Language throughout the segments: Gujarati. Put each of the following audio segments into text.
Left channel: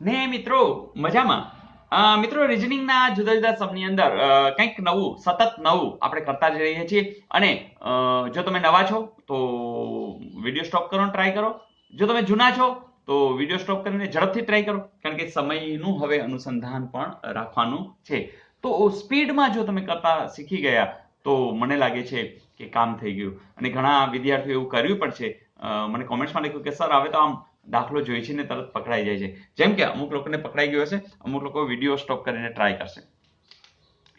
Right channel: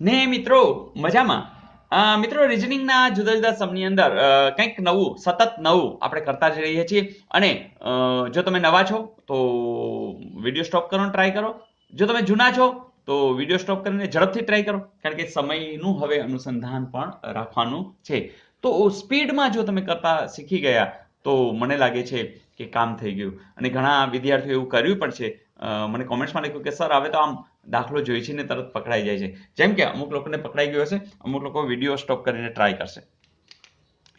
ને મિત્રો મજામાં. મિત્રો રિઝનિંગના જુદા જુદા સમની અંદર કંઈક નવું સતત નવું આપણે કરતા જ રહીએ છીએ. અને જો તમે નવા છો તો વિડીયો સ્ટોપ કરવાનો ટ્રાય કરો. જો તમે જૂના છો તો વિડીયો સ્ટોપ કરીને ઝડપથી ટ્રાય કરો, કારણ કે સમયનું હવે અનુસંધાન પણ રાખવાનું છે. તો સ્પીડમાં જો તમે કરતા શીખી ગયા તો મને લાગે છે કે કામ થઈ ગયું. અને ઘણા વિદ્યાર્થીઓ એવું કર્યું પણ છે. મને કોમેન્ટ્સમાં લખ્યું કે સર હવે તો આમ દાખલો જોઈ છે ને તરત પકડાઈ જાય છે. જેમ કે અમુક લોકોને પકડાઈ ગયો હશે, અમુક લોકો વિડીયો સ્ટોપ કરીને ટ્રાય કરશે.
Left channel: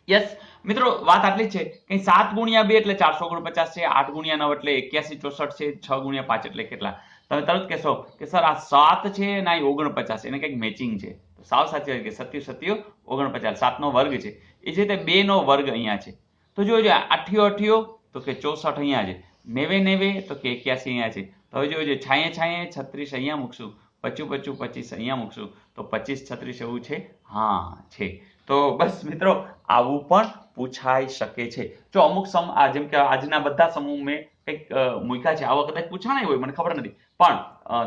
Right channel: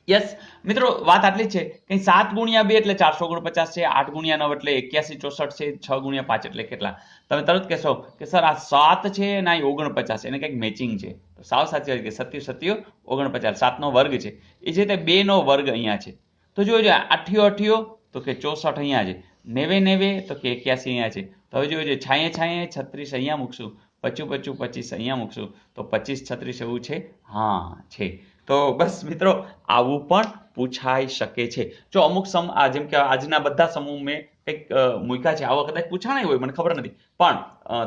યસ મિત્રો, વાત આટલી જ છે કે 7 ગુણ્યા 2 એટલે 449 છે, 8 ગુણ્યા 9 એટલે 8164 છે, 6 ગુણ્યા 5 એટલે કેટલા? તમે તરત કહેશો કે સર આ 7 છે અને આ 49, એને કંઈક મેચિંગ છે. તો સાવ સાચી વાત કે 77 49, 7 નો વર્ગ છે. એ જ રીતે 2 નો વર્ગ અહીંયા છે. તો જોજો 88 તો કે 64 અહીંયા છે, 90 તો કે 81 અહીંયા છે. તો હવે જોજો 36 અહીંયા મૂકશું, 25 અહીંયા મૂકશું તો 25 36 એવું છે. હા છે. તો બસ મિત્રો, આવું પણ પૂછાઈ શકે છે. જો અમુક જેમ કે આજના બધા સમૂહ મેં કંઈક મૂક્યા છે, આવા કદાચ પૂછાણા હોય મને ખબર નથી, પણ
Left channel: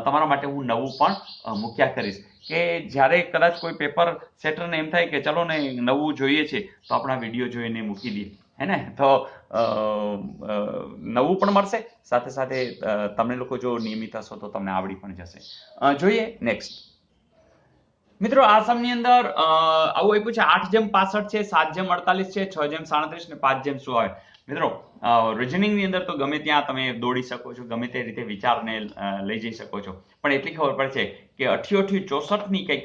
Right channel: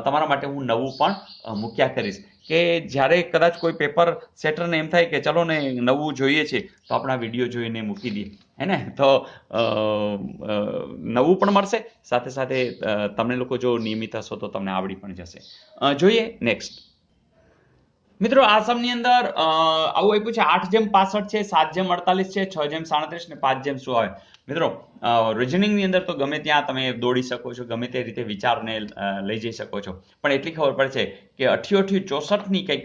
તમારા માટે હું નવું પણ મૂક્યા કરીશ કે જ્યારે કદાચ કોઈ પેપર સેટરને એમ થાય કે ચલો ને નવું જોઈએ છે તો આપણા વિડીયો જોઈને મૂકી દઈએ, હે ને? તો નવું પણ મળશે, સાથે સાથે તમે લોકો જો નિયમિત હશો તો તમને આવડી પણ જશે. જોઈએ નેક્સ્ટ. મિત્રો આ સમની અંદર આવું આપ્યું છે 8:65 છે, 7:48 છે, 6:37 ને 5:100 આવે. મિત્રો રિઝનિંગની અંદર તો ગમે ત્યાં તમે દોડી શકો છો, ગમે તે રીતે વિચારને લઈ જઈ શકો છો, પણ એટલી ખબર પડે છે કે 88 64 ની કંઈક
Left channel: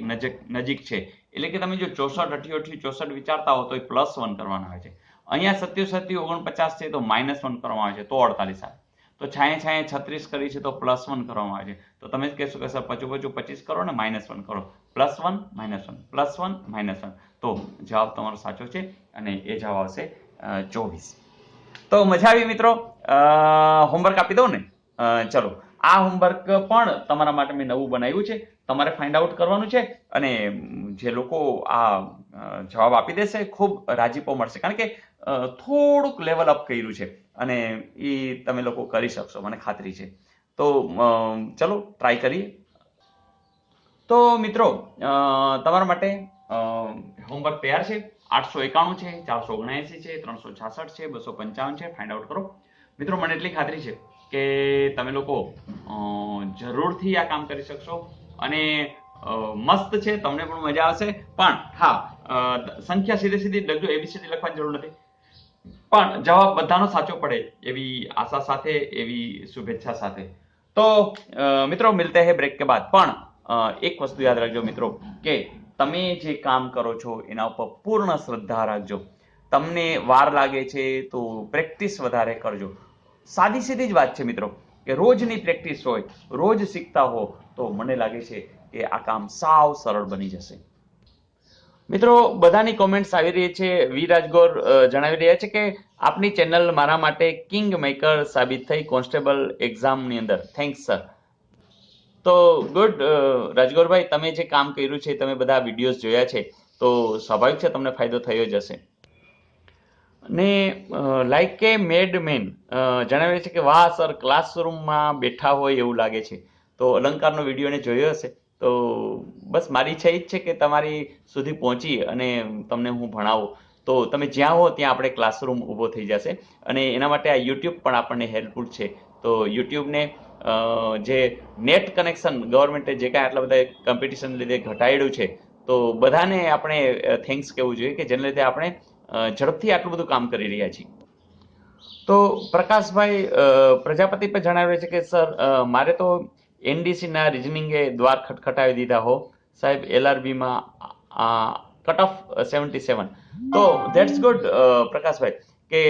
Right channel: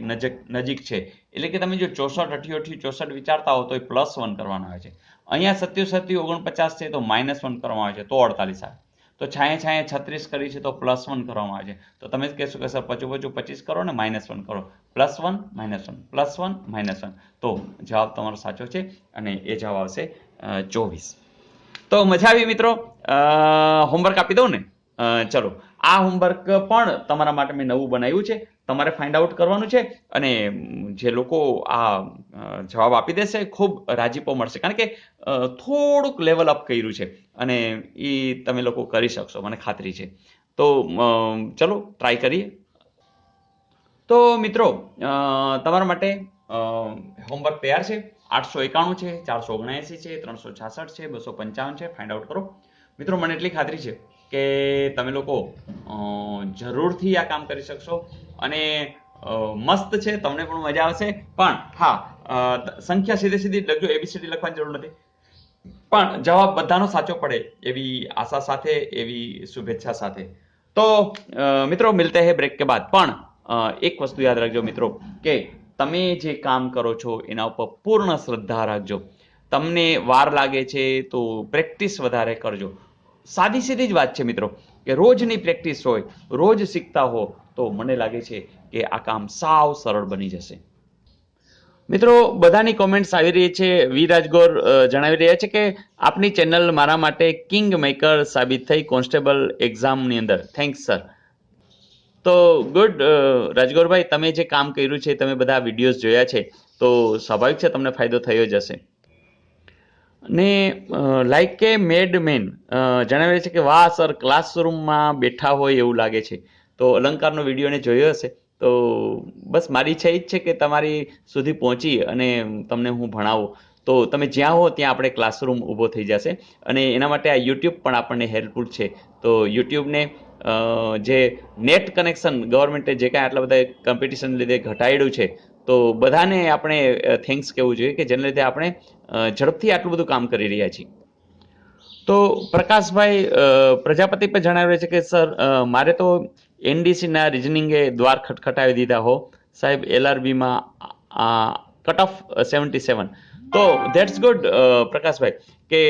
નજીક છે. એટલે કે તમે જો 64 88 64 વિચારતા હો તો એ +1 કરવાના આવે છે. અહીંયા 77 49 છે તો -1 કરવામાં આવે છે તો 48 આવે. તો 36 કરી છે તો +1 કરવામાં આવે છે. તો તમે જ કહેશો કે સર 25 કરો ને -1 કરો, +1 -1 +1 -1, તો જવાબ તમારો સાચો છે અને એ જવાબ આવશે 24. તો મજા આવી મિત્રો. હોમવર્ક આપી દઉં ને? ચલો, આ હોમવર્ક પણ તમારા માટે મેં નવું બનાવ્યું છે. તમારે ફાઇન્ડ આઉટ કરવાનું છે અને જે લોકો આ જવાબ આપી દેશે ખૂબ રાજીપો મળશે, કારણ કે થોડુંક લેવલ અપ કર્યું છે અને એ તમે લોકો કરી શકશો, મને ખાતરી છે. તો ચલો ટ્રાય કરીએ. તો મિત્રો તમારા માટે હોમવર્ક તૈયાર છે. 891 છે, 479 છે, 366 છે, 255 છે. ફાઇન્ડ આઉટ કરો. મિત્રો મને એટલી ખાતરી છે કે તમે લોકો જરૂરથી આ કામ કરી શકશો અને મસ્ત છે, તમને પણ મજા આવશે. પણ હા, સંખ્યા સીધી લખજો, એબીસીડી લખવાની જરૂર નથી, પણ જવાબ બધાનો સાચો પડે એવી આશા સાથે, એવી શુભેચ્છા સાથે. તો મિત્રો મિલતે હે બ્રેક કે બાદ. પણ એક વસ્તુ યાદ રાખજો મિત્રો કે તમે જે કામ કરો છો એના ઉપર પૂર્ણ શ્રદ્ધા રાખજો. તમને વાર લાગે છે તો પ્રેક્ટિસ વધારે કરજો. સાદી સીધી જ વાત છે મિત્રો કે રોજની પ્રેક્ટિસ હોય, રોજ શીખતા હો તો મને લાગે છે કે આ કામ સાવ સરળ બની જશે. મિત્રો બધાની કોમેન્ટ્સ આવી રહી છે. વી રાજગોર જણાવી રહ્યા છે કે આપની ચેનલ મારા માટે કિંગ મેકર સાબિત થઈ કોન્સ્ટેબલ એક્ઝામની અંદર. Thanks sir. તો ગુડ રાજગોરભાઈ, તમે જે કામ કર્યું છે, તમે બધા વિડીયોઝ જોયા છે, તો સ્વાભાવિક છે તમને ફાયદો થયો જ હશે. ને લાઈક કે મેડ મેન જણાવે છે કે વાહ સર, ક્લાસરૂમમાં બેઠા હોય એવું લાગે છે. તો અલંકારનો વિડીયો ને જોયો હશે. તો બસ મારી ઈચ્છા એ જ છે કે તમારી સુધી પહોંચી અને તમને હું ભણાવું. તો તમે જ્યાં હો ત્યાં આપણે ક્લાસરૂમ ઊભો થઈ જશે અને એના માટે આ યુટ્યુબ પણ આપણને હેલ્પફુલ છે. તો યુટ્યુબને જે નેટ કનેક્શન ગવર્મેન્ટે જે કાંઈ આટલા બધા કોમ્પિટિશન લીધે ઘટાડ્યું છે, તો બધાને આપણે થેન્ક્સ કહેવું જોઈએ કે જેના લીધે આપણે ઝડપથી આટલું બધું કામ કરી રહ્યા છીએ. તો પ્રકાશભાઈ પ્રજાપતિ પર જણાવે છે કે સર મારે તો એનડીસીના રિઝનિંગે દ્વાર ખટખટાવી દીધા હો સાહેબ, એલઆરબીમાં કટ ઓફ 77. તો ધેટ્સ ગુડ પ્રકાશભાઈ, કે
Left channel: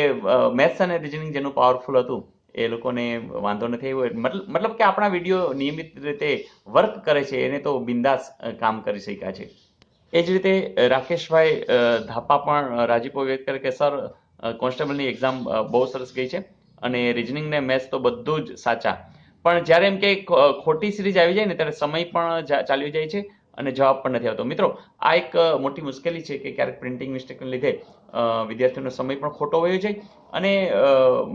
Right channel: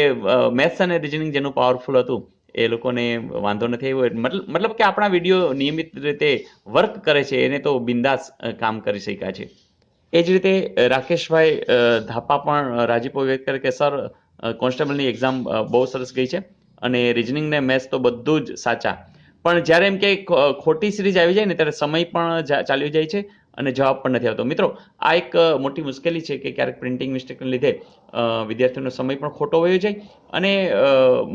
મેથ્સ અને રિઝનિંગ જેનું પાવરફુલ હતું એ લોકોને વાંધો નથી આવ્યો. મતલબ કે આપણા વિડીયો નિયમિત રીતે વર્ક કરે છે, એને તો બિંદાસ કામ કરી શક્યા છે. એ જ રીતે રાકેશભાઈ ધાપા પણ રાજીપો વ્યક્ત કરે કે સર કોન્સ્ટેબલની એક્ઝામ બહુ સરસ ગઈ છે અને રિઝનિંગ ને મેથ્સ તો બધું જ સાચા, પણ જ્યારે એમ કે ખોટી સિરીઝ આવી જાય ને ત્યારે સમય પણ ચાલ્યો જાય છે અને જવાબ પણ નથી આવતો. મિત્રો આ એક મોટી મુશ્કેલી છે કે ક્યારેક પ્રિન્ટિંગ મિસ્ટેકને લીધે વિદ્યાર્થીઓનો સમય પણ ખોટો વયો જાય અને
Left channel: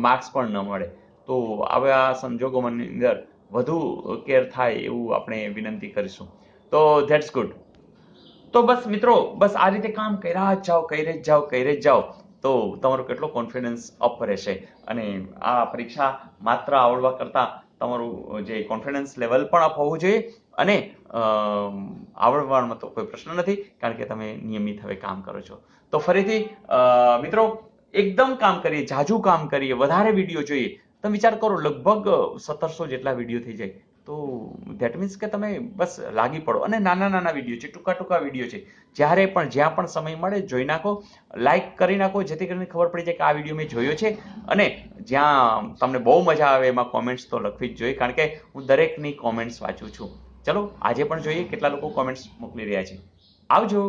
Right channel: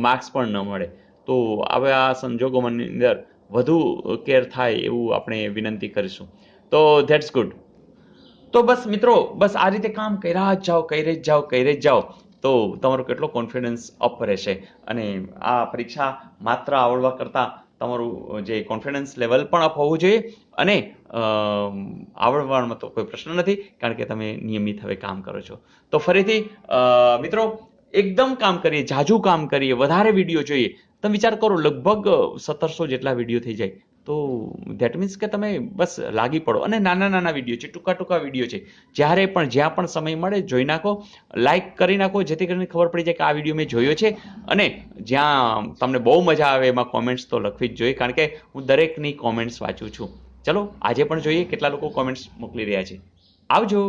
માર્ક્સ પણ ન મળે. તો આવા સંજોગોની અંદર વધુ કેર થાય એવું આપણે વિનંતી કરીશું. તો ધેટ્સ ગુડ. તો બસ મિત્રો, બસ આ રીતે કામ કર્યા જ જાઓ તો તમારો કેટલો કોન્ફિડન્સ અપ રહેશે. અને આ પરીક્ષા માત્ર આવડવા કરતાં તમારું જે કોન્ફિડન્સ લેવલ પણ અપ હોવું જોઈએ. અને આવડવામાં તો કોઈ પ્રશ્ન નથી, કારણ કે તમે નિયમિત હવે કામ કરો છો. તો ફરીથી મિત્રો, એકદમ કામ કરીએ, ઝાઝું કામ કરીએ, વધારે વિડીયો જોઈએ. તમે વિચાર કરો, લગભગ 1700 જેટલા વિડીયો થઈ જાય. તો ધેટ મીન્સ કે તમે બસ લાગી પડો. અને નાના વિડીયો છે, ટૂંકા વિડીયો છે. જ્યારે પણ જ્યાં પણ સમય મળે જોઈ નાખો, લાઈક કરી નાખો, જેથી કરીને ખબર પડી જાય કે આ વિડીયો મેં જોયો છે. અને જ્યાં તમને બહુ મજા આવે એમાં કોમેન્ટ્સ તો લખવી જ જોઈએ, કારણ કે હું દરેકની કોમેન્ટ્સ વાંચું છું. ચલો આજે પણ જોઈએ કેટલા લોકો કોમેન્ટ્સ મોકલી રહ્યા છે. આવજો.